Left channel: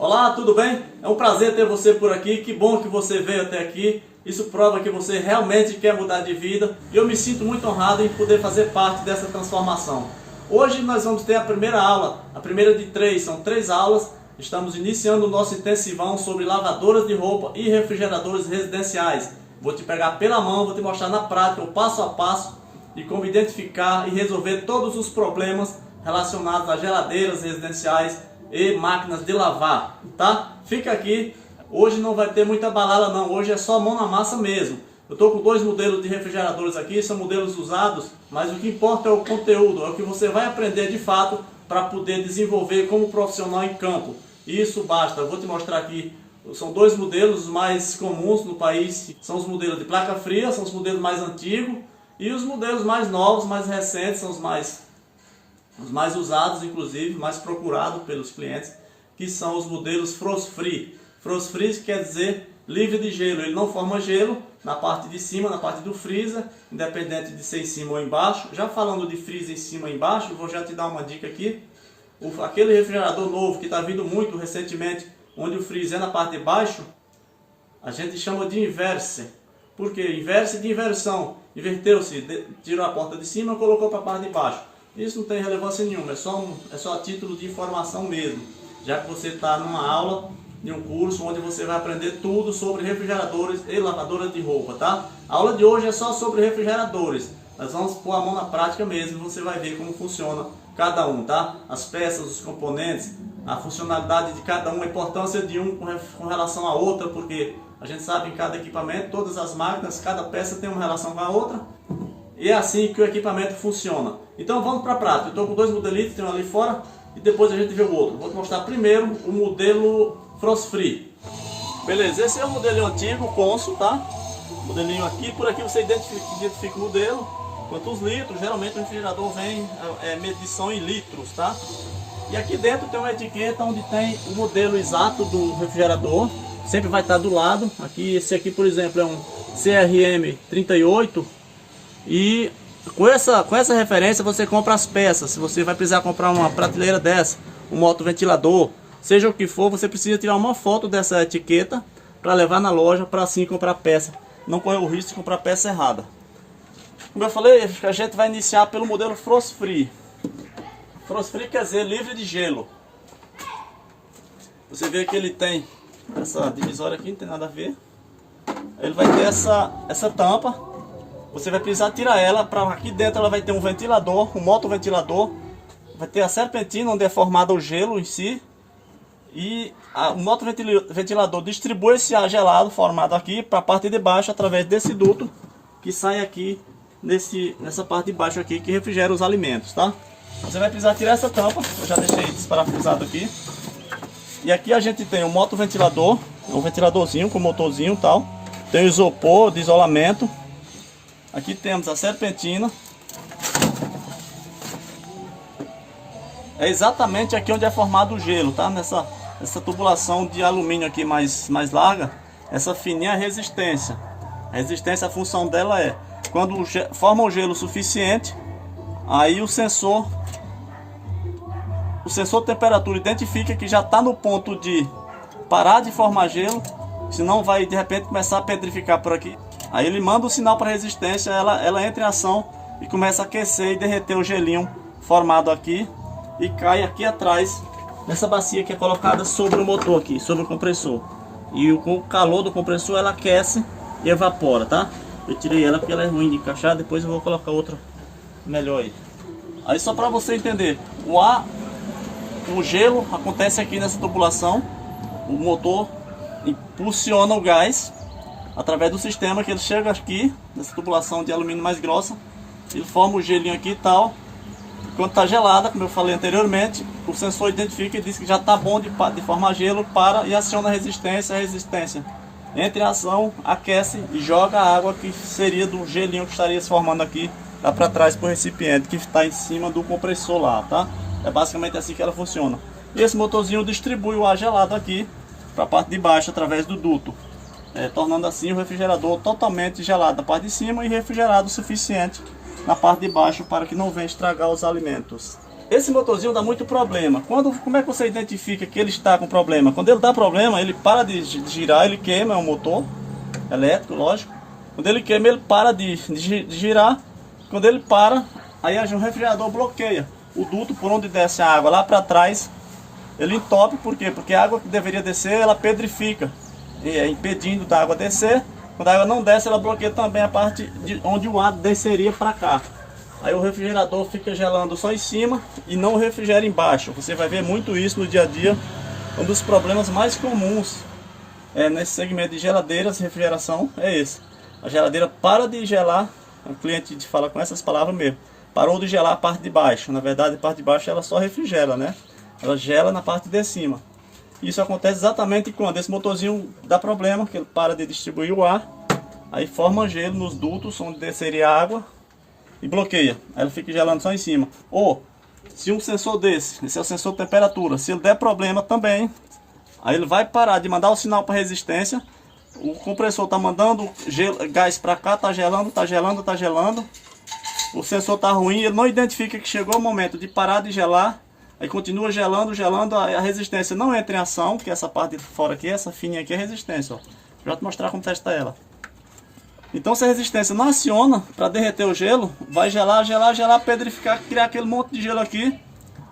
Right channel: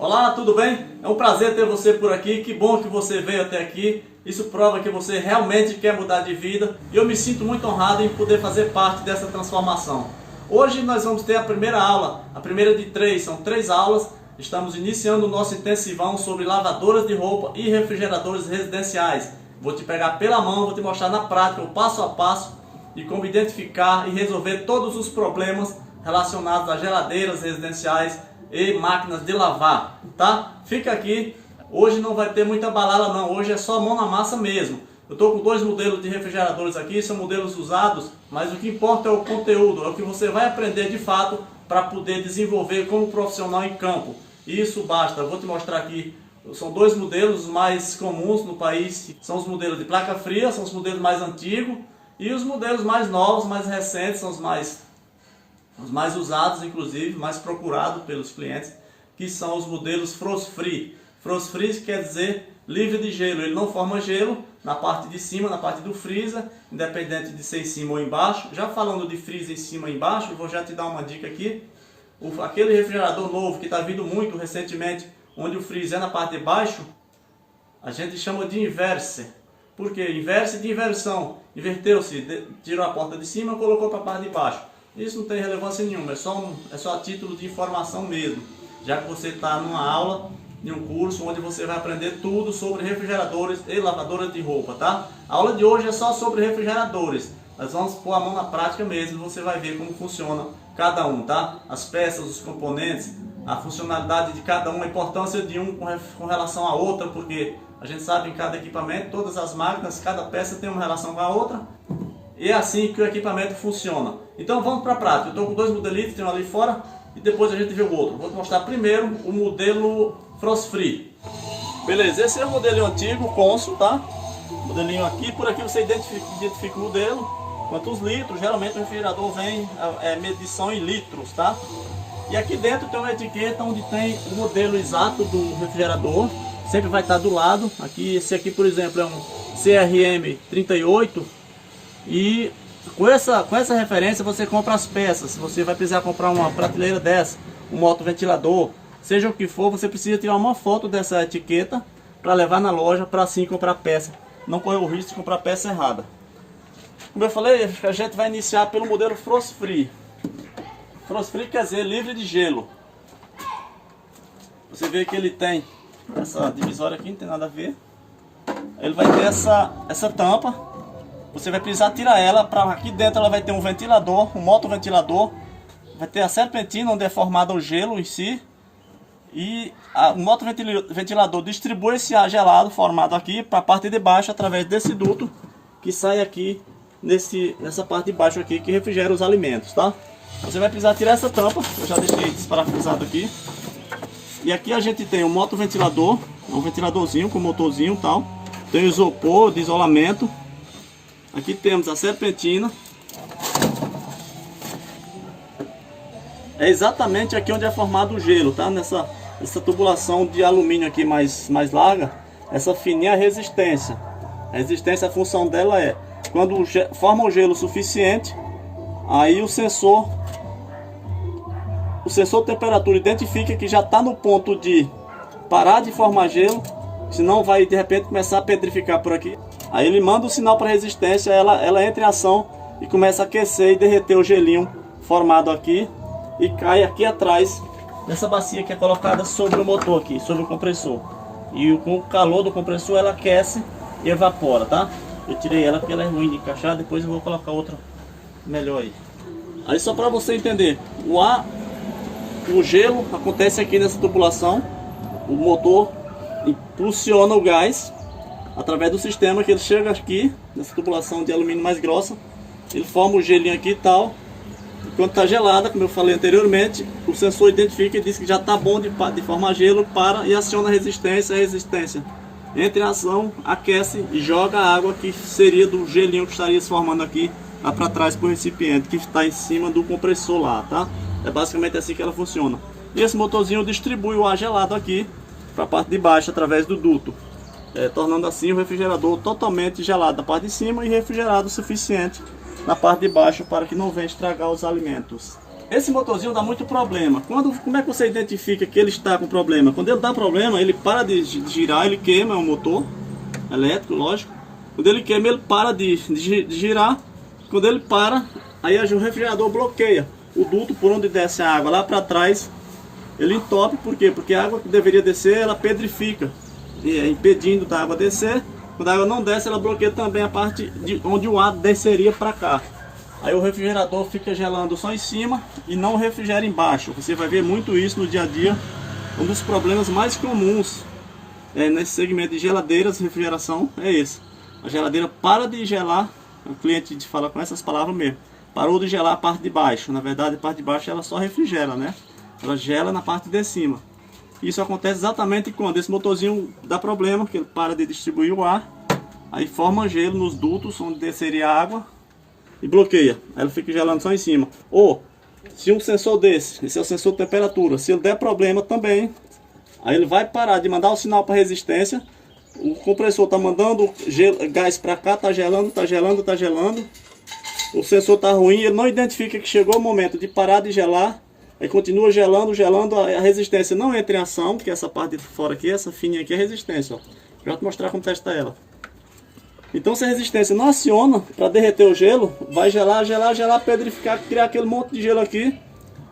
Olá, tudo bem? É um prazer ter você por aqui, que bom que você veio até aqui. Isso prova que você realmente quer mudar de vida e eu me sinto muito honrado em poder fazer parte dessa transformação. Hoje nós vamos ter a primeira aula, a primeira de três, são 3 aulas. Estamos iniciando o nosso intensivão sobre lavadoras de roupa e refrigeradores residenciais. Vou te pegar pela mão, vou te mostrar na prática o passo a passo de como identificar e resolver todos os problemas relacionados a geladeiras residenciais e máquinas de lavar, tá? Fica aqui, hoje não vai ter muita balada não, hoje é só mão na massa mesmo. Eu estou com 2 modelos de refrigeradores aqui, são modelos usados, mas o que importa é o conteúdo, é o que você vai aprender de fato para poder desenvolver como profissional em campo. Isso basta, eu vou te mostrar aqui, são 2 modelos mais comuns no país, são os modelos de placa fria, são os modelos mais antigos, e os modelos mais novos, mais recentes, são os mais usados, inclusive, mais procurados pelos clientes, que são os modelos Frost Free. Frost Free quer dizer livre de gelo, ele não forma gelo na parte de cima, na parte do freezer, independente de ser em cima ou embaixo. Já falando de freezer em cima e embaixo, vou já te dar uma dica aqui. Aquele refrigerador novo que está vindo muito recentemente, onde o freezer é na parte de baixo, a gente chama de inverse. Por quê? Inverse de inversão. Inverteu-se, tirou a porta de cima e colocou para a parte de baixo. Isso não tem relevância nenhuma, é só a título de informação mesmo. Já que você está numa aula, em um curso, onde você vai aprender tudo sobre refrigeradores e lavadoras de roupa, tá? A aula de hoje é só sobre refrigeradores. Nós vamos pôr a mão na prática mesmo, você vai ver como funciona cada um, tá? As peças, os componentes, a funcionalidade de cada um, a importância de um com relação a outra, porque a gente sabe em cada equipamento, todas as máquinas, cada peça tem uma relação com a outra. E é assim que o equipamento funciona. Então vamos para a prática. Eu estou com 2 modelitos, tem um ali fora e depois a gente vê o outro. Vou te mostrar primeiro o modelo Frost Free. Beleza, esse é o modelinho antigo, Consul, tá? Modelinho aqui, por aqui você identifica o modelo, quantos litros. Geralmente o refrigerador vem medição em litros, tá? E aqui dentro tem uma etiqueta onde tem o modelo exato do refrigerador. Sempre vai estar do lado. Aqui, esse aqui, por exemplo, é um CRM 38. E com essa referência você compra as peças. Se você vai precisar comprar uma prateleira dessa, um motoventilador, seja o que for, você precisa tirar uma foto dessa etiqueta para levar na loja, para assim comprar peça. Não correr o risco de comprar peça errada. Como eu falei, a gente vai iniciar pelo modelo Frost Free. Frost Free quer dizer livre de gelo. Você vê que ele tem essa divisória aqui, não tem nada a ver. Ele vai ter essa tampa. Você vai precisar tirar ela, para aqui dentro ela vai ter um ventilador, um motoventilador. Vai ter a serpentina onde é formado o gelo em si. E o motoventilador distribui esse ar gelado formado aqui para a parte de baixo através desse duto que sai aqui nessa parte de baixo aqui que refrigera os alimentos, tá? Você vai precisar tirar essa tampa, eu já deixei desparafusado aqui. E aqui a gente tem o motoventilador, um ventiladorzinho com motorzinho e tal. Tem o isopor de isolamento. Aqui temos a serpentina. É exatamente aqui onde é formado o gelo, tá? Nessa tubulação de alumínio aqui mais larga. Essa fininha é a resistência. A resistência, a função dela é quando forma o gelo suficiente, aí o sensor de temperatura identifica que já está no ponto de parar de formar gelo, senão vai de repente começar a petrificar por aqui. Aí ele manda o sinal para a resistência, ela entra em ação e começa a aquecer e derreter o gelinho formado aqui e cai aqui atrás nessa bacia que é colocada sobre o motor aqui, sobre o compressor. E com o calor do compressor ela aquece e evapora, tá? Eu tirei ela porque ela é ruim de encaixar, depois eu vou colocar outra melhor aí. Aí só para você entender, o gelo acontece aqui nessa tubulação, o motor impulsiona o gás através do sistema que ele chega aqui, nessa tubulação de alumínio mais grossa, ele forma o gelinho aqui e tal. Quando está gelada, como eu falei anteriormente, o sensor identifica e diz que já está bom de formar gelo, para e aciona a resistência. A resistência entra em ação, aquece e joga a água que seria do gelinho que estaria se formando aqui lá para trás para o recipiente que está em cima do compressor lá, tá? É basicamente assim que ela funciona. E esse motorzinho distribui o ar gelado aqui para a parte de baixo através do duto, tornando assim o refrigerador totalmente gelado da parte de cima e refrigerado o suficiente na parte de baixo para que não venha estragar os alimentos. esse motorzinho dá muito problema. Como é que você identifica que ele está com problema? Quando ele dá problema, ele para de girar, ele queima, é um motor elétrico, lógico. Quando ele queima, ele para de girar. Quando ele para, aí o refrigerador bloqueia o duto por onde desce a água lá para trás. Ele entope, por quê? Porque a água que deveria descer, ela pedrifica, impedindo da água descer. Quando a água não desce, ela bloqueia também a parte onde o ar desceria para cá. Aí o refrigerador fica gelando só em cima e não refrigera embaixo. Você vai ver muito isso no dia a dia. Um dos problemas mais comuns nesse segmento de geladeiras, refrigeração, é esse. A geladeira para de gelar, o cliente fala com essas palavras mesmo. Parou de gelar a parte de baixo. Na verdade, a parte de baixo ela só refrigera, né? Ela gela na parte de cima. Isso acontece exatamente quando esse motorzinho dá problema, que ele para de distribuir o ar. Aí forma gelo nos dutos onde desceria a água e bloqueia. Ela fica gelando só em cima. Ou, se um sensor desse, esse é o sensor de temperatura, se ele der problema também, aí ele vai parar de mandar o sinal para resistência. O compressor está mandando gás para cá, está gelando, está gelando, está gelando. O sensor está ruim, ele não identifica que chegou o momento de parar de gelar. Aí continua gelando, a resistência não entra em ação, que essa parte de fora aqui, essa fininha aqui é a resistência, ó. Já vou te mostrar como testa ela. Então se a resistência não aciona para derreter o gelo, vai gelar, pedrificar, criar aquele monte de gelo aqui,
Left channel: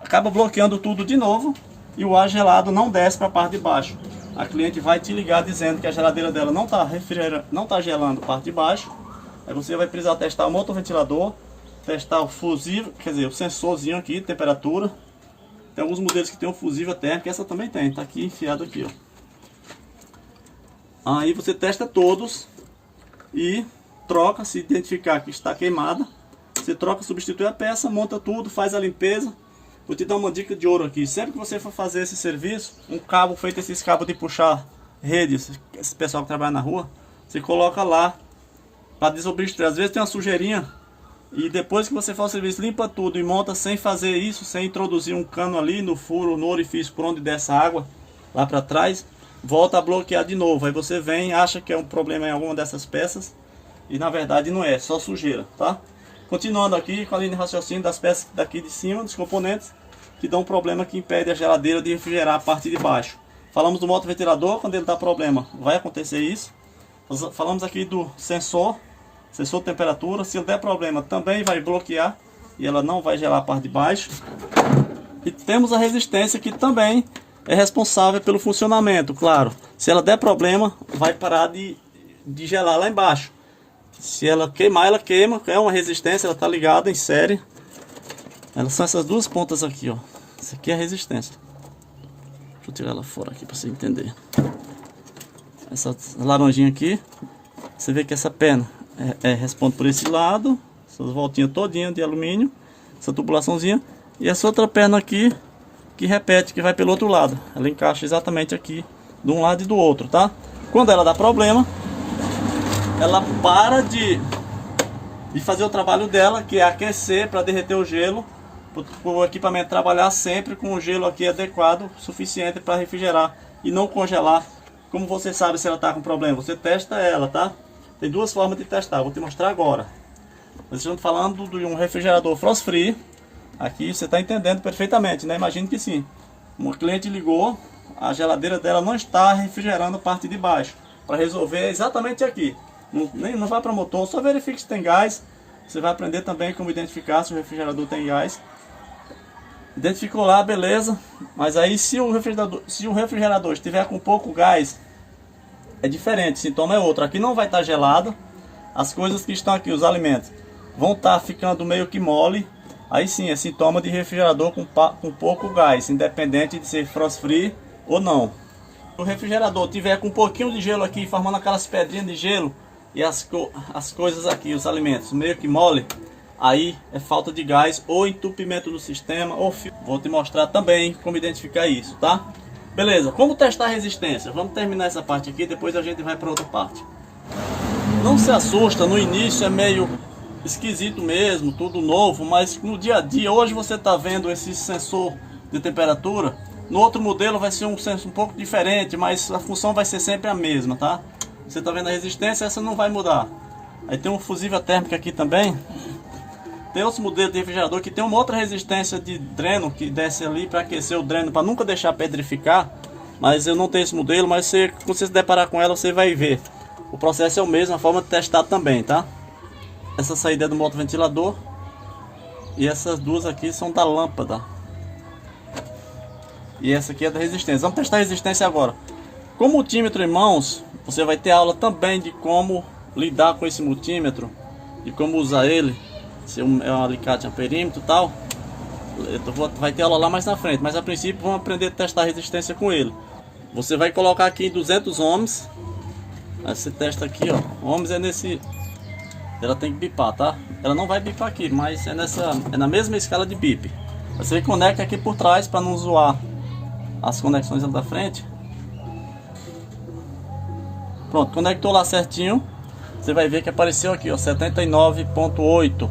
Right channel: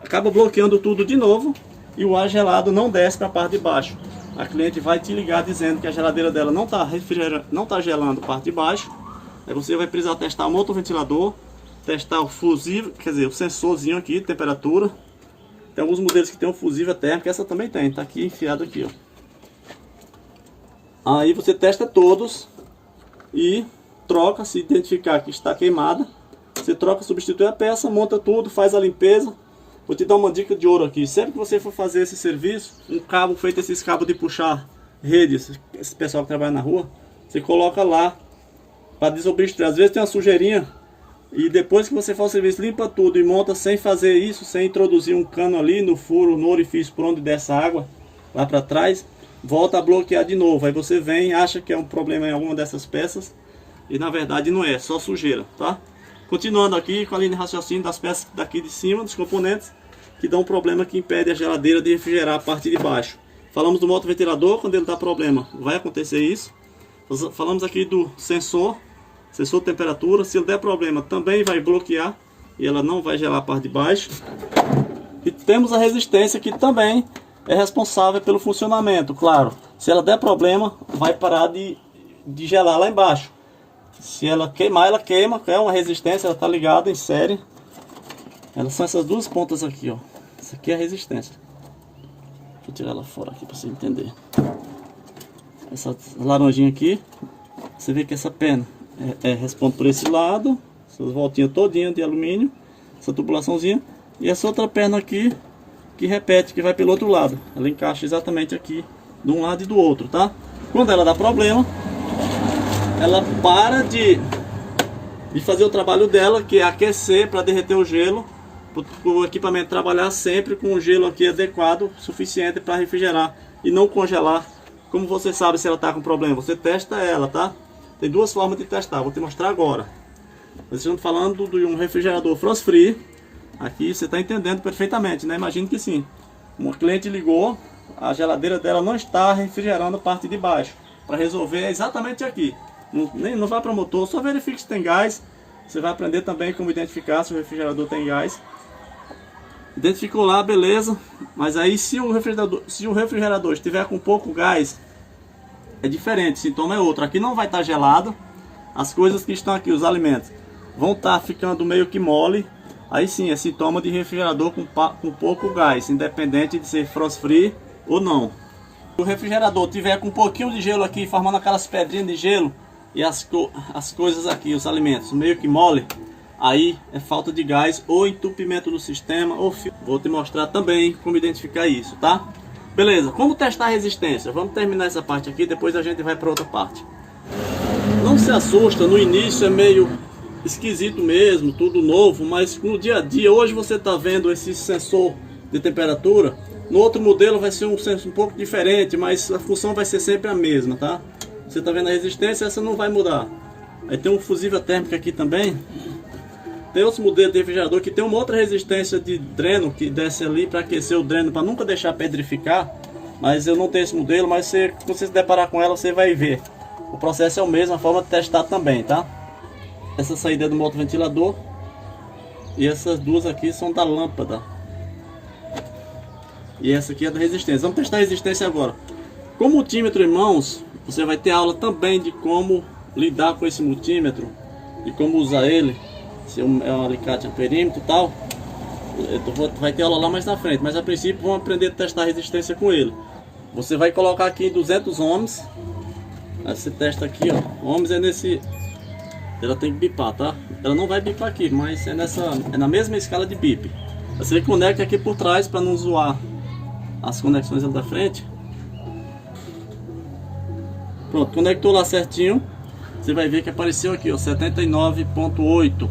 acaba bloqueando tudo de novo e o ar gelado não desce para a parte de baixo. A cliente vai te ligar dizendo que a geladeira dela não está gelando a parte de baixo. Aí você vai precisar testar o motoventilador, testar o fusível, quer dizer, o sensorzinho aqui, temperatura. Tem alguns modelos que tem um fusível térmico, essa também tem, tá aqui enfiado aqui, ó. Aí você testa todos e troca, se identificar que está queimada, você troca, substitui a peça, monta tudo, faz a limpeza. Vou te dar uma dica de ouro aqui. Sempre que você for fazer esse serviço, um cabo feito esses cabos de puxar redes, esse pessoal que trabalha na rua, você coloca lá para desobstruir. Às vezes tem uma sujeirinha. E depois que você for ao serviço, limpa tudo e monta sem fazer isso, sem introduzir um cano ali no furo, no orifício por onde desce a água, lá para trás, volta a bloquear de novo. Aí você vem, acha que é um problema em alguma dessas peças, e na verdade não é, só sujeira, tá? Continuando aqui com a linha de raciocínio das peças daqui de cima, dos componentes, que dão um problema que impede a geladeira de refrigerar a parte de baixo. Falamos do motoventilador, quando ele dá problema, vai acontecer isso. Falamos aqui do sensor de temperatura, se ele der problema também vai bloquear e ela não vai gelar a parte de baixo. E temos a resistência que também é responsável pelo funcionamento, claro. Se ela der problema, vai parar de gelar lá embaixo. Se ela queimar, ela queima, é uma resistência, ela está ligada em série. Elas são essas duas pontas aqui, ó. Essa aqui é a resistência. Deixa eu tirar ela fora aqui para você entender. Essa laranjinha aqui, você vê que essa pena responde por esse lado, essas voltinhas todinha de alumínio, essa tubulaçãozinha, e essa outra perna aqui que repete, que vai pelo outro lado. Ela encaixa exatamente aqui de um lado e do outro, tá? Quando ela dá problema, ela para de fazer o trabalho dela, que é aquecer para derreter o gelo, para o equipamento trabalhar sempre com o gelo aqui adequado, suficiente para refrigerar e não congelar. Como você sabe se ela está com problema? Você testa ela, tá? Tem duas formas de testar, vou te mostrar agora. Nós estamos falando de um refrigerador frost free. Aqui você está entendendo perfeitamente, né? Imagino que sim. Uma cliente ligou, a geladeira dela não está refrigerando a parte de baixo. Para resolver exatamente aqui. Não vai para o motor, só verifique se tem gás. Você vai aprender também como identificar se o refrigerador tem gás. Identificou lá, beleza. Mas aí se o refrigerador estiver com pouco gás, é diferente, o sintoma é outro. Aqui não vai estar gelado. As coisas que estão aqui, os alimentos, vão estar ficando meio que mole. Aí sim, é sintoma de refrigerador com pouco gás, independente de ser frost free ou não. Se o refrigerador tiver com um pouquinho de gelo aqui, formando aquelas pedrinhas de gelo, e as coisas aqui, os alimentos, meio que mole, aí é falta de gás ou entupimento do sistema, ou fio. Vou te mostrar também como identificar isso, tá? Beleza, como testar a resistência? Vamos terminar essa parte aqui, depois a gente vai para outra parte. Não se assusta, no início é meio esquisito mesmo, tudo novo, mas com o dia a dia, hoje você está vendo esse sensor de temperatura, no outro modelo vai ser um sensor um pouco diferente, mas a função vai ser sempre a mesma, tá? Você está vendo a resistência, essa não vai mudar. Aí tem um fusível térmico aqui também, Tem outros modelos de refrigerador que tem uma outra resistência de dreno que desce ali para aquecer o dreno, para nunca deixar pedrificar. Mas eu não tenho esse modelo, mas quando você se deparar com ela, você vai ver. O processo é o mesmo, a forma de testar também, tá? Essa saída é do motoventilador. E essas duas aqui são da lâmpada. E essa aqui é da resistência. Vamos testar a resistência agora. Com o multímetro em mãos, você vai ter aula também de como lidar com esse multímetro e como usar ele. Se é um alicate a perímetro e tal, vai ter aula lá mais na frente, mas a princípio vamos aprender a testar a resistência com ele. Você vai colocar aqui em 200 ohms. Esse teste aqui, ó, ohms é nesse, ela tem que bipar, tá? Ela não vai bipar aqui, mas é na mesma escala de bip. Você conecta aqui por trás para não zoar as conexões lá da frente. Pronto, conectou lá certinho. Você vai ver que apareceu aqui, ó, 79.8.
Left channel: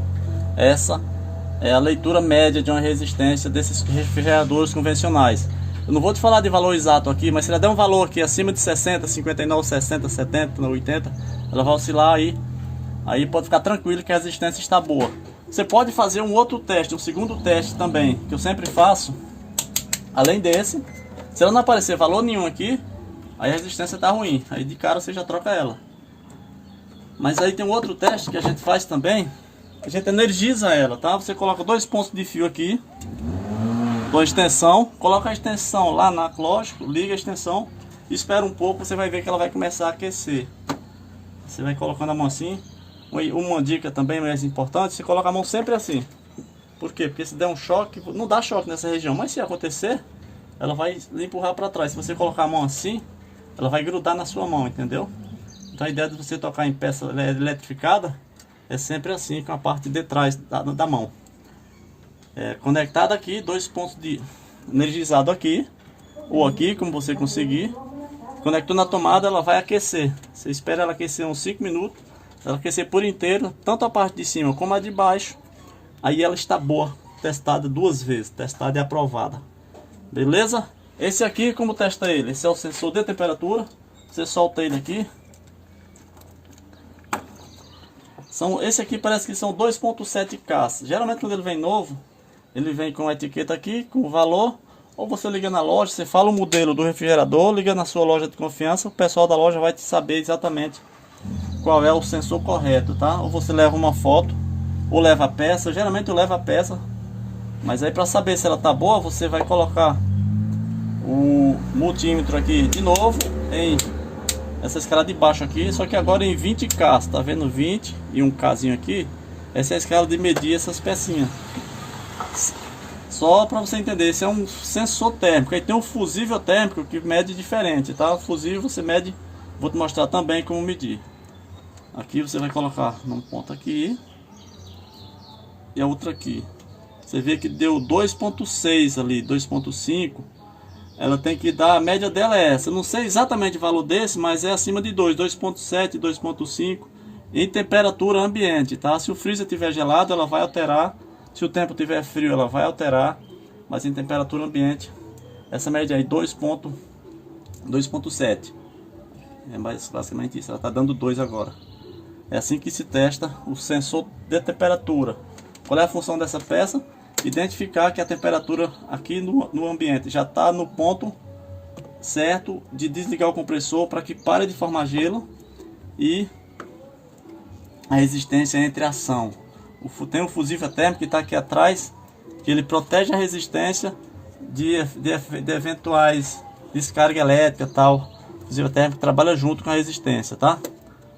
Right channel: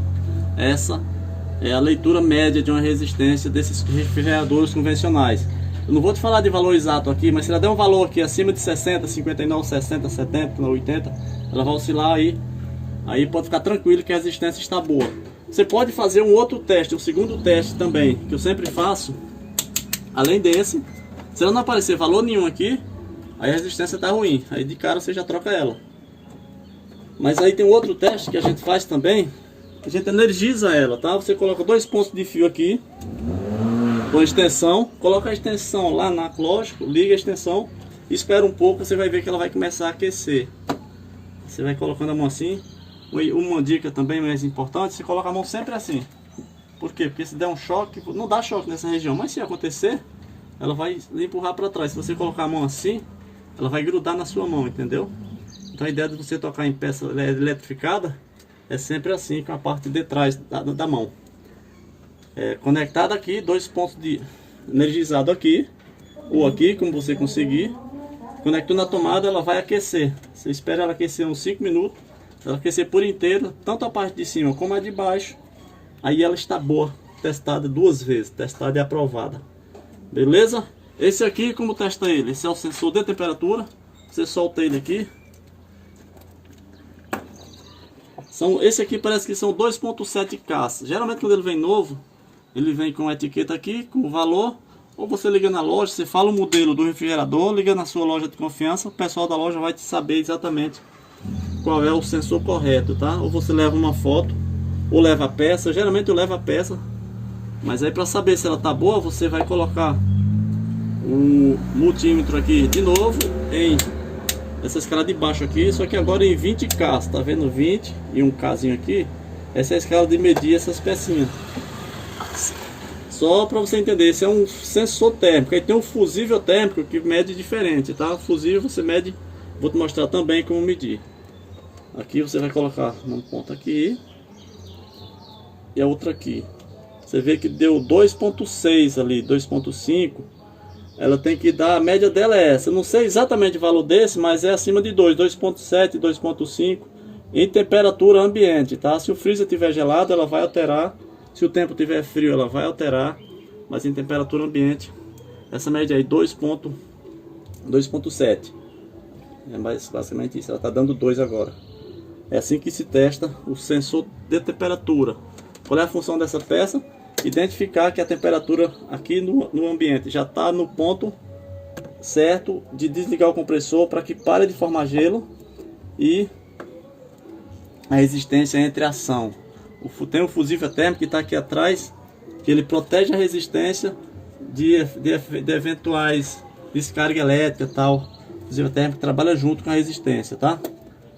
Essa é a leitura média de uma resistência desses refrigeradores convencionais. Eu não vou te falar de valor exato aqui, mas se ela der um valor aqui acima de 60, 59, 60, 70, 80, ela vai oscilar aí. Aí pode ficar tranquilo que a resistência está boa. Você pode fazer um outro teste, um segundo teste também, que eu sempre faço. Além desse, se ela não aparecer valor nenhum aqui, aí a resistência está ruim. Aí de cara você já troca ela. Mas aí tem um outro teste que a gente faz também. A gente energiza ela, tá? Você coloca 2 pontos de fio aqui com a extensão, coloca a extensão lá na, lógico, liga a extensão, espera um pouco, você vai ver que ela vai começar a aquecer. Você vai colocando a mão assim. Uma dica também mais importante, você coloca a mão sempre assim. Por quê? Porque se der um choque, não dá choque nessa região, mas se acontecer, ela vai lhe empurrar para trás. Se você colocar a mão assim, ela vai grudar na sua mão, entendeu? Então a ideia de você tocar em peça eletrificada é sempre assim, com a parte de trás da mão. Conectado aqui, 2 pontos de energizado aqui, ou aqui, como você conseguir. Conectou na tomada, ela vai aquecer. Você espera ela aquecer uns 5 minutos. Ela aquecer por inteiro, tanto a parte de cima como a de baixo. Aí ela está boa, testada 2 vezes, testada e aprovada. Beleza? Esse aqui, como testa ele? Esse é o sensor de temperatura. Você solta ele aqui. Esse aqui parece que são 2.7K. Geralmente quando ele vem novo, ele vem com a etiqueta aqui, com o valor. Ou você liga na loja, você fala o modelo do refrigerador, liga na sua loja de confiança, o pessoal da loja vai te saber exatamente qual é o sensor correto, tá? Ou você leva uma foto, ou leva a peça. Geralmente eu levo a peça, mas aí para saber se ela tá boa, você vai colocar o multímetro aqui de novo em essa escala de baixo aqui, só que agora em 20K, tá vendo? 20 e um Kzinho aqui. Essa é a escala de medir essas pecinhas. Só para você entender, esse é um sensor térmico. Aí tem um fusível térmico que mede diferente, tá? O fusível você mede, vou te mostrar também como medir. Aqui você vai colocar num ponto aqui e a outra aqui. Você vê que deu 2.6 ali, 2.5. Ela tem que dar, a média dela é essa. Eu não sei exatamente o valor desse, mas é acima de 2.7, 2.5 em temperatura ambiente, tá? Se o freezer estiver gelado, ela vai alterar. Se o tempo estiver frio, ela vai alterar. Mas em temperatura ambiente, essa média aí 2.7. É mais basicamente isso. Ela está dando 2 agora. É assim que se testa o sensor de temperatura. Qual é a função dessa peça? Identificar que a temperatura aqui no ambiente já está no ponto certo de desligar o compressor para que pare de formar gelo e a resistência entre a ação. Tem um fusível térmico que está aqui atrás, que ele protege a resistência de eventuais descarga elétrica, tal. O fusível térmico trabalha junto com a resistência, tá?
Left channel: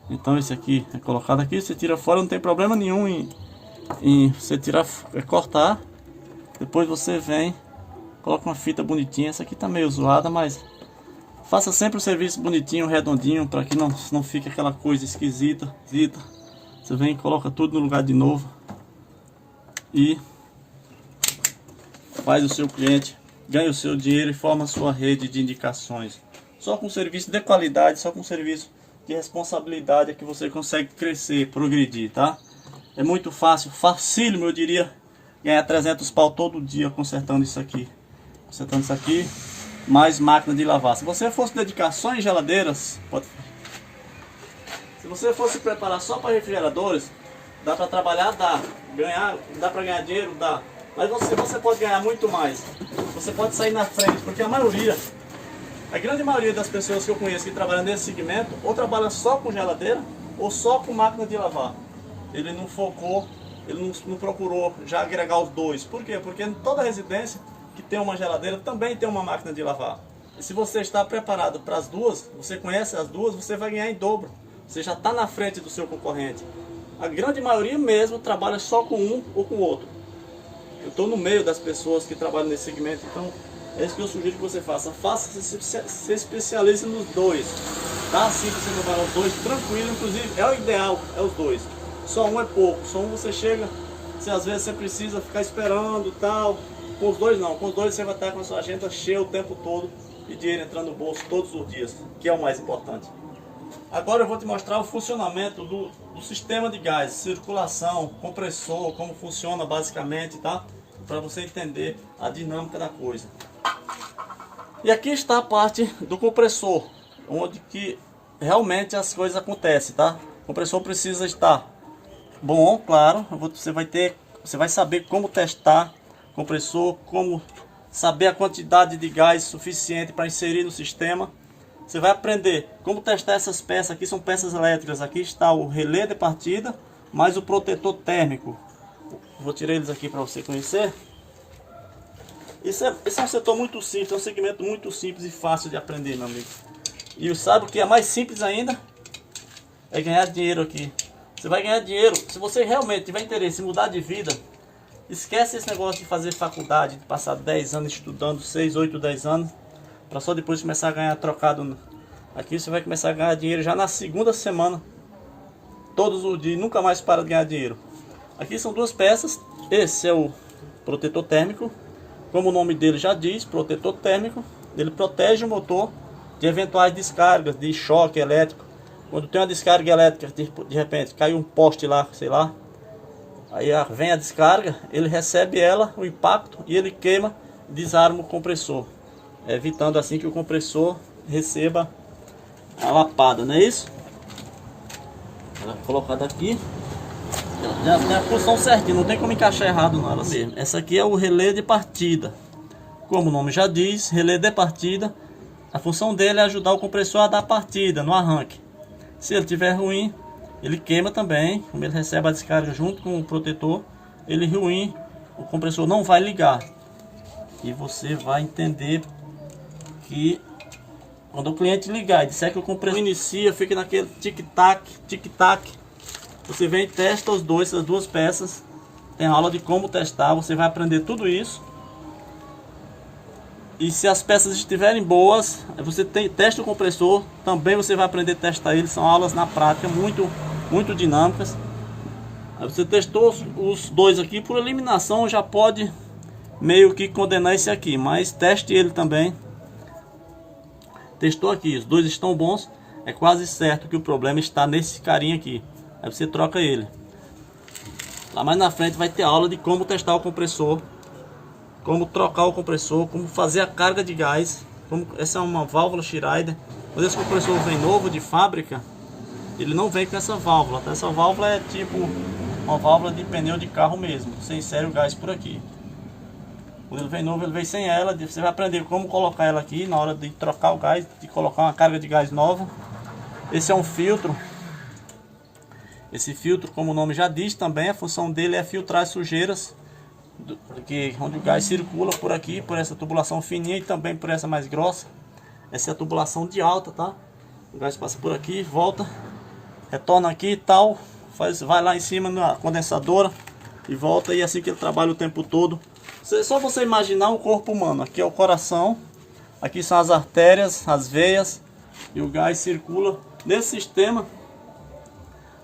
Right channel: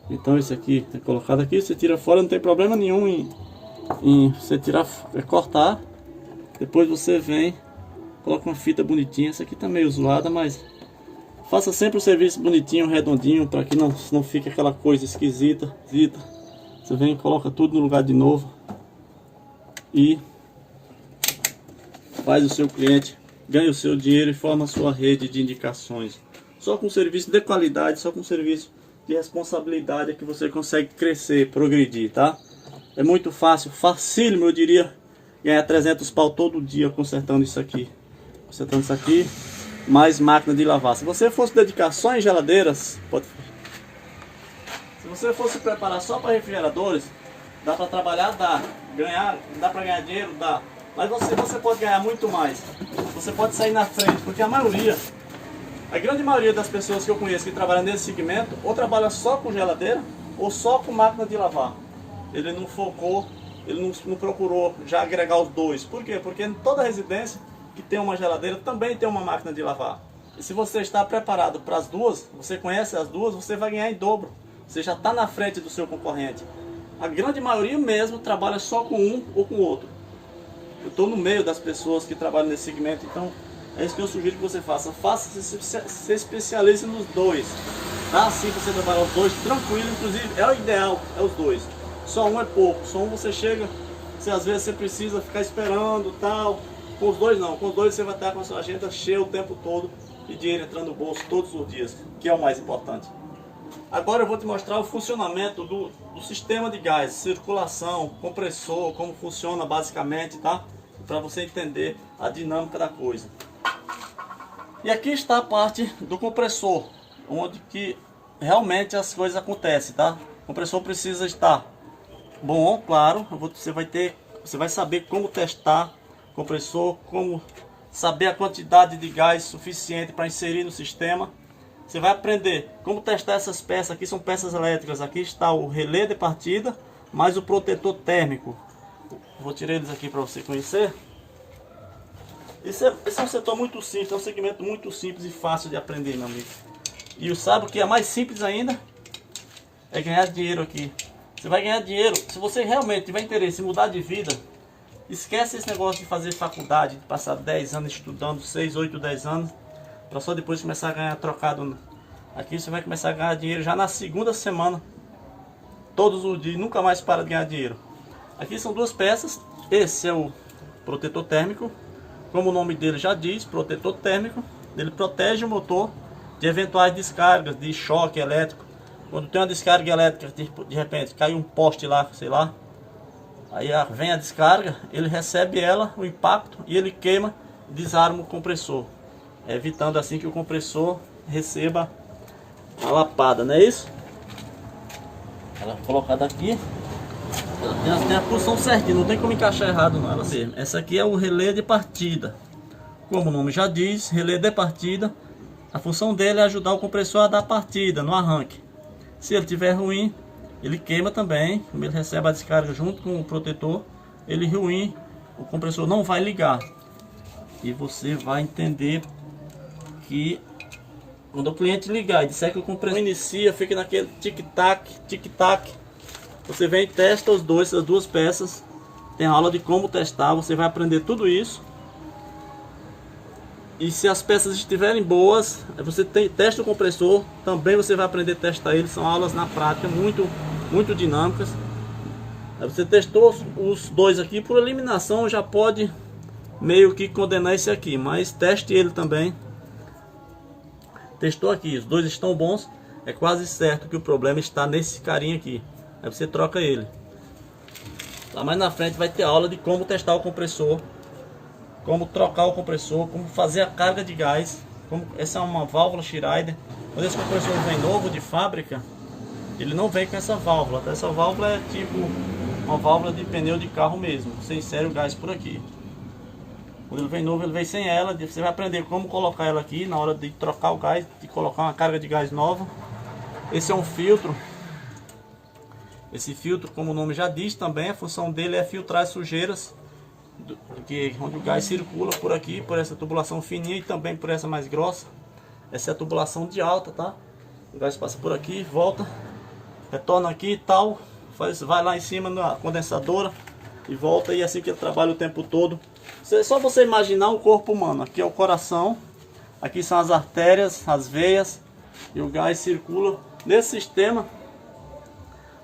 Então esse aqui é colocado aqui, você tira fora, não tem problema nenhum em você tirar, cortar. Depois você vem, coloca uma fita bonitinha. Essa aqui tá meio zoada, mas faça sempre o serviço bonitinho, redondinho, para que não fique aquela coisa esquisita. Você vem e coloca tudo no lugar de novo e faz o seu cliente ganha o seu dinheiro e forma a sua rede de indicações. Só com serviço de qualidade, só com serviço de responsabilidade é que você consegue crescer, progredir, tá? É muito fácil, facílimo, eu diria, ganhar 300 pau todo dia consertando isso aqui. Consertando isso aqui, mais máquina de lavar. Se você fosse dedicar só em geladeiras, se você fosse preparar só para refrigeradores, Dá para trabalhar? Dá. Ganhar? Dá para ganhar dinheiro? Dá. Mas você pode ganhar muito mais. Você pode sair na frente, porque a grande maioria das pessoas que eu conheço que trabalham nesse segmento, ou trabalha só com geladeira, ou só com máquina de lavar. Ele não focou, ele não procurou já agregar os dois. Por quê? Porque em toda residência que tem uma geladeira também tem uma máquina de lavar. E se você está preparado para as duas, você conhece as duas, você vai ganhar em dobro. Você já está na frente do seu concorrente. A grande maioria mesmo trabalha só com um ou com o outro. Eu estou no meio das pessoas que trabalham nesse segmento, então é isso que eu sugiro que você faça. Se especialize nos dois. Tá? Assim você trabalha os dois tranquilo, inclusive é o ideal, é os dois. Só um é pouco, só um você chega, se às vezes você precisa ficar esperando tal. Com os dois não, com os dois você vai estar com a sua agenda cheia o tempo todo e dinheiro entrando no bolso todos os dias, que é o mais importante. Agora eu vou te mostrar o funcionamento do sistema de gás, circulação, compressor, como funciona basicamente, tá? Para você entender a dinâmica da coisa. E aqui está a parte do compressor, onde que realmente as coisas acontecem, tá? O compressor precisa estar bom, claro. Você vai saber como testar o compressor, como saber a quantidade de gás suficiente para inserir no sistema. Você vai aprender como testar essas peças. Aqui são peças elétricas. Aqui está o relé de partida, mais o protetor térmico. Vou tirar eles aqui para você conhecer. Esse é um setor muito simples, é um segmento muito simples e fácil de aprender, meu amigo. E sabe o que é mais simples ainda? É ganhar dinheiro aqui. Você vai ganhar dinheiro. Se você realmente tiver interesse em mudar de vida, esquece esse negócio de fazer faculdade, de passar 10 anos estudando, 6, 8, 10 anos, para só depois começar a ganhar trocado. Aqui você vai começar a ganhar dinheiro já na segunda semana, todos os dias, nunca mais para de ganhar dinheiro. Aqui são duas peças. Esse é o protetor térmico, como o nome dele já diz, protetor térmico. Ele protege o motor de eventuais descargas de choque elétrico. Quando tem uma descarga elétrica, de repente caiu um poste lá, sei lá, aí vem a descarga, ele recebe o impacto, e ele queima, desarma o compressor, evitando assim que o compressor receba a lapada, não é isso? Ela é colocada aqui, ela tem a função certinha, não tem como encaixar errado não, ela mesmo. Essa aqui é o relé de partida, como o nome já diz, relé de partida. A função dele é ajudar o compressor a dar partida no arranque. Se ele estiver ruim, ele queima também, como ele recebe a descarga junto com o protetor, ele ruim, o compressor não vai ligar. E você vai entender que quando o cliente ligar e disser que o compressor inicia, fica naquele tic-tac, tic-tac, você vem e testa essas duas peças. Tem aula de como testar, você vai aprender tudo isso. E se as peças estiverem boas, você testa o compressor, também você vai aprender a testar ele. São aulas na prática muito dinâmicas. Aí você testou os dois aqui, por eliminação já pode meio que condenar esse aqui, mas teste ele também. Testou aqui, os dois estão bons, é quase certo que o problema está nesse carinha aqui. Aí você troca ele. Lá mais na frente vai ter aula de como testar o compressor, como trocar o compressor, como fazer a carga de gás. Essa é uma válvula Schneider. Quando esse compressor vem novo de fábrica, ele não vem com essa válvula. Então, essa válvula é tipo uma válvula de pneu de carro mesmo. Você insere o gás por aqui. Quando ele vem novo, ele vem sem ela. Você vai aprender como colocar ela aqui na hora de trocar o gás, de colocar uma carga de gás nova. Esse é um filtro. Esse filtro, como o nome já diz também, a função dele é filtrar as sujeiras onde o gás circula por aqui, por essa tubulação fininha e também por essa mais grossa. Essa é a tubulação de alta, tá? O gás passa por aqui, volta, retorna aqui e tal, vai lá em cima na condensadora e volta, e assim que ele trabalha o tempo todo. Só você imaginar um corpo humano. Aqui é o coração, aqui são as artérias, as veias, e o gás circula nesse sistema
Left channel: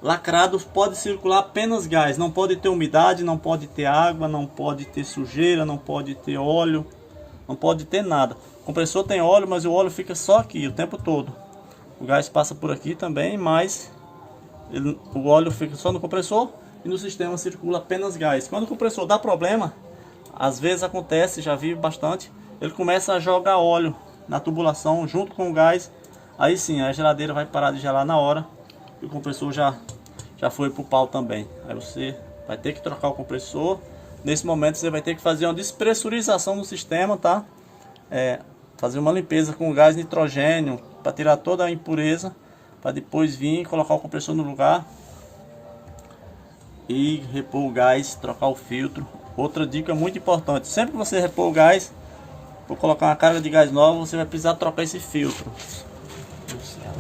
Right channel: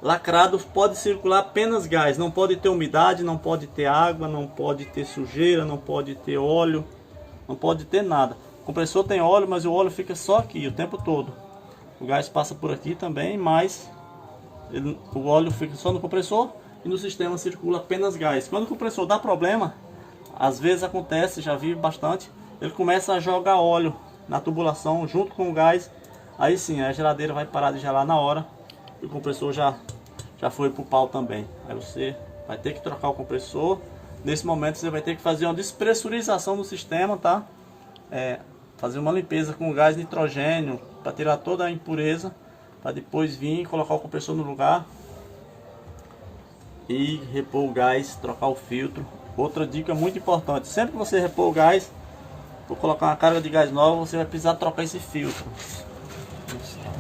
lacrado. Pode circular apenas gás, não pode ter umidade, não pode ter água, não pode ter sujeira, não pode ter óleo, não pode ter nada. O compressor tem óleo, mas o óleo fica só aqui o tempo todo. O gás passa por aqui também, mas o óleo fica só no compressor e no sistema circula apenas gás. Quando o compressor dá problema, às vezes acontece, já vi bastante, ele começa a jogar óleo na tubulação junto com o gás. Aí sim, a geladeira vai parar de gelar na hora e o compressor já já foi pro pau também. Aí você vai ter que trocar o compressor. Nesse momento você vai ter que fazer uma despressurização no sistema, tá? Fazer uma limpeza com gás nitrogênio para tirar toda a impureza, para depois vir e colocar o compressor no lugar e repor o gás, trocar o filtro. Outra dica muito importante: sempre que você repor o gás, for colocar uma carga de gás nova, você vai precisar trocar esse filtro.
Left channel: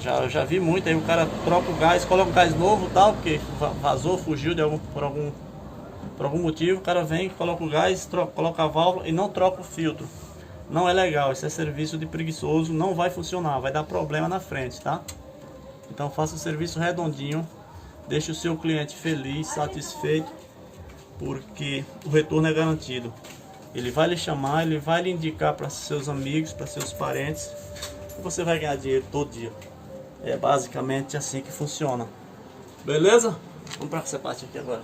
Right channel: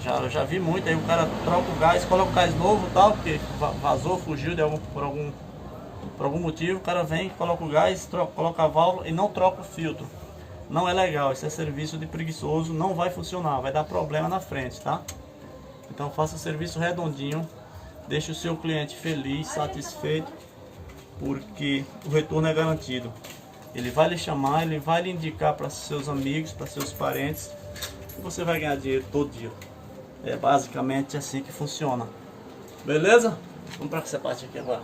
Eu já vi muito aí, o cara troca o gás, coloca o gás novo, tal, porque vazou, fugiu por algum motivo. O cara vem, coloca o gás, coloca a válvula e não troca o filtro. Não é legal, esse é serviço de preguiçoso, não vai funcionar, vai dar problema na frente, tá? Então faça o serviço redondinho, deixe o seu cliente feliz, satisfeito, porque o retorno é garantido. Ele vai lhe chamar, ele vai lhe indicar para seus amigos, para seus parentes, e você vai ganhar dinheiro todo dia. É basicamente assim que funciona. Beleza? Vamos para essa parte aqui agora.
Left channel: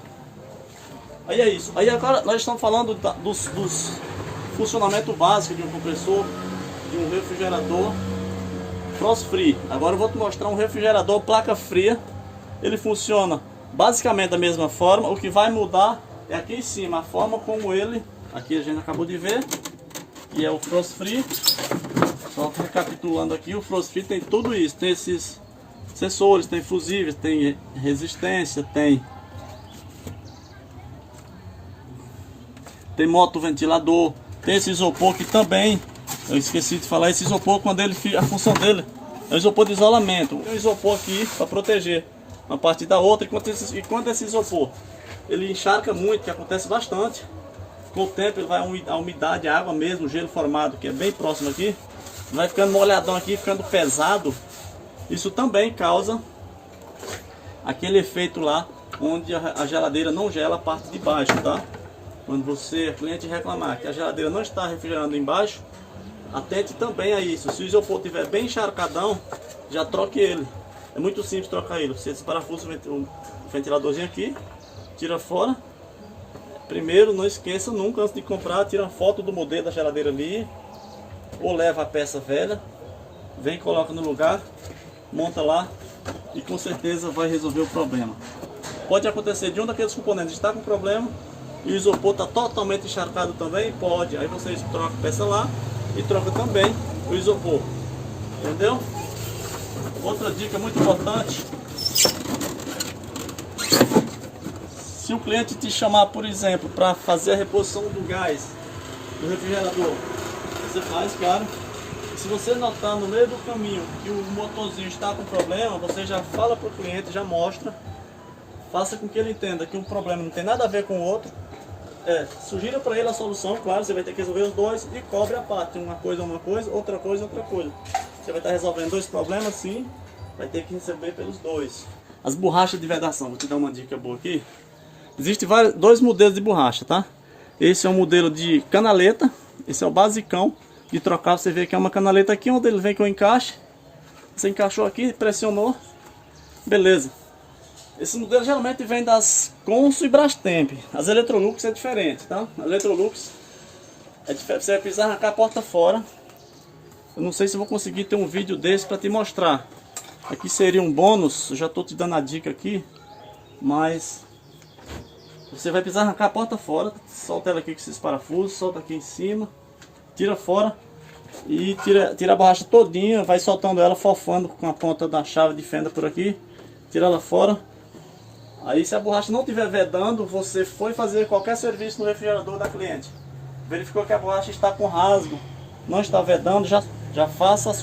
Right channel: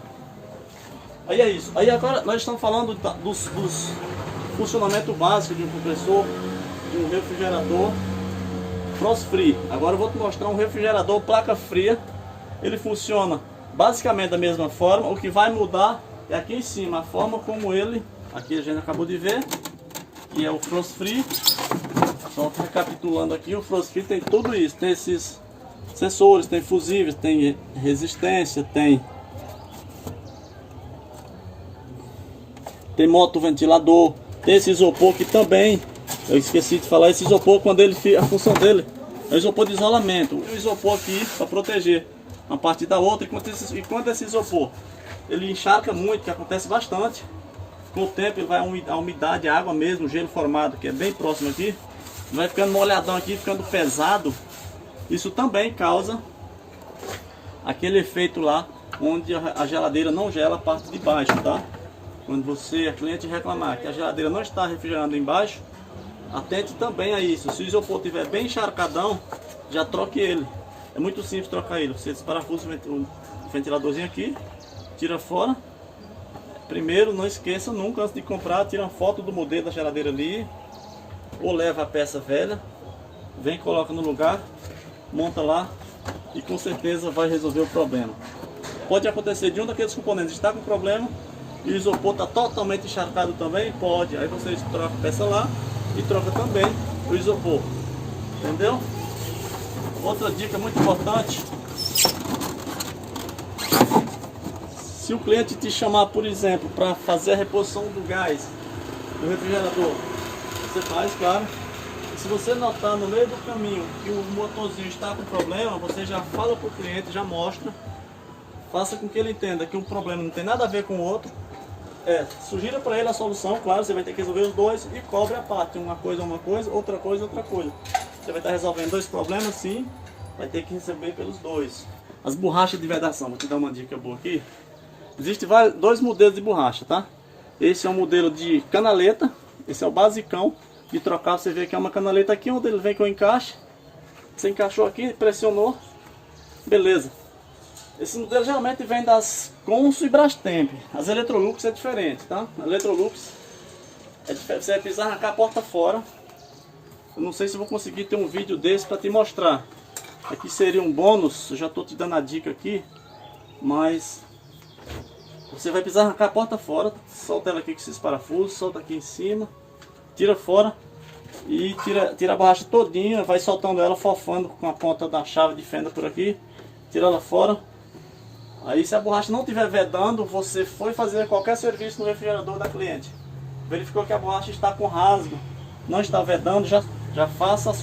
Aí é isso. Aí agora nós estamos falando dos funcionamento básico de um compressor, de um refrigerador frost free. Agora eu vou te mostrar um refrigerador placa fria. Ele funciona basicamente da mesma forma. O que vai mudar é aqui em cima, a forma como ele, aqui a gente acabou de ver, que é o frost free. Só recapitulando aqui, o frost free tem tudo isso, tem esses sensores, tem fusíveis, tem resistência, tem motoventilador, tem esse isopor que também, eu esqueci de falar, esse isopor, quando ele, a função dele é isopor de isolamento. Um isopor aqui para proteger uma parte da outra. Enquanto esse isopor ele encharca muito, que acontece bastante, com o tempo ele vai a umidade, a água mesmo, o gelo formado, que é bem próximo aqui, vai ficando molhadão aqui, ficando pesado. Isso também causa aquele efeito lá, onde a geladeira não gela a parte de baixo, tá? Quando você, cliente, reclamar que a geladeira não está refrigerando embaixo, atente também a isso. Se o isopor estiver bem encharcadão, já troque ele. É muito simples trocar ele. Você desparafusa o ventiladorzinho aqui, tira fora. Primeiro, não esqueça nunca, antes de comprar, tira uma foto do modelo da geladeira ali, ou leva a peça velha, vem, coloca no lugar, monta lá e com certeza vai resolver o problema. Pode acontecer de um daqueles componentes estar com problema e o isopor está totalmente encharcado também, pode. Aí você troca a peça lá e troca também o isopor, entendeu? Outra dica muito importante: se o cliente te chamar, por exemplo, para fazer a reposição do gás do refrigerador, você faz, claro. Se você notar no meio do caminho que o motorzinho está com problema, você já fala para o cliente, já mostra, faça com que ele entenda que o problema não tem nada a ver com o outro. Sugira para ele a solução, claro, você vai ter que resolver os dois e cobre a parte, uma coisa, outra coisa, outra coisa. Você vai estar resolvendo dois problemas, sim, vai ter que receber pelos dois. As borrachas de vedação, vou te dar uma dica boa aqui. Existem dois modelos de borracha, tá? Esse é o modelo de canaleta, esse é o basicão de trocar. Você vê que é uma canaleta aqui, onde ele vem com o encaixe. Você encaixou aqui, pressionou, beleza. Esse modelo geralmente vem das Consul e Brastemp. As Electrolux é diferente, tá? A Electrolux é diferente, você vai precisar arrancar a porta fora. Eu não sei se vou conseguir ter um vídeo desse para te mostrar. Aqui seria um bônus, eu já estou te dando a dica aqui, mas você vai precisar arrancar a porta fora. Solta ela aqui com esses parafusos, solta aqui em cima, tira fora e tira a borracha todinha, vai soltando ela, fofando com a ponta da chave de fenda por aqui, tira ela fora. Aí, se a borracha não estiver vedando, você foi fazer qualquer serviço no refrigerador da cliente, verificou que a borracha está com rasgo, não está vedando, já faça a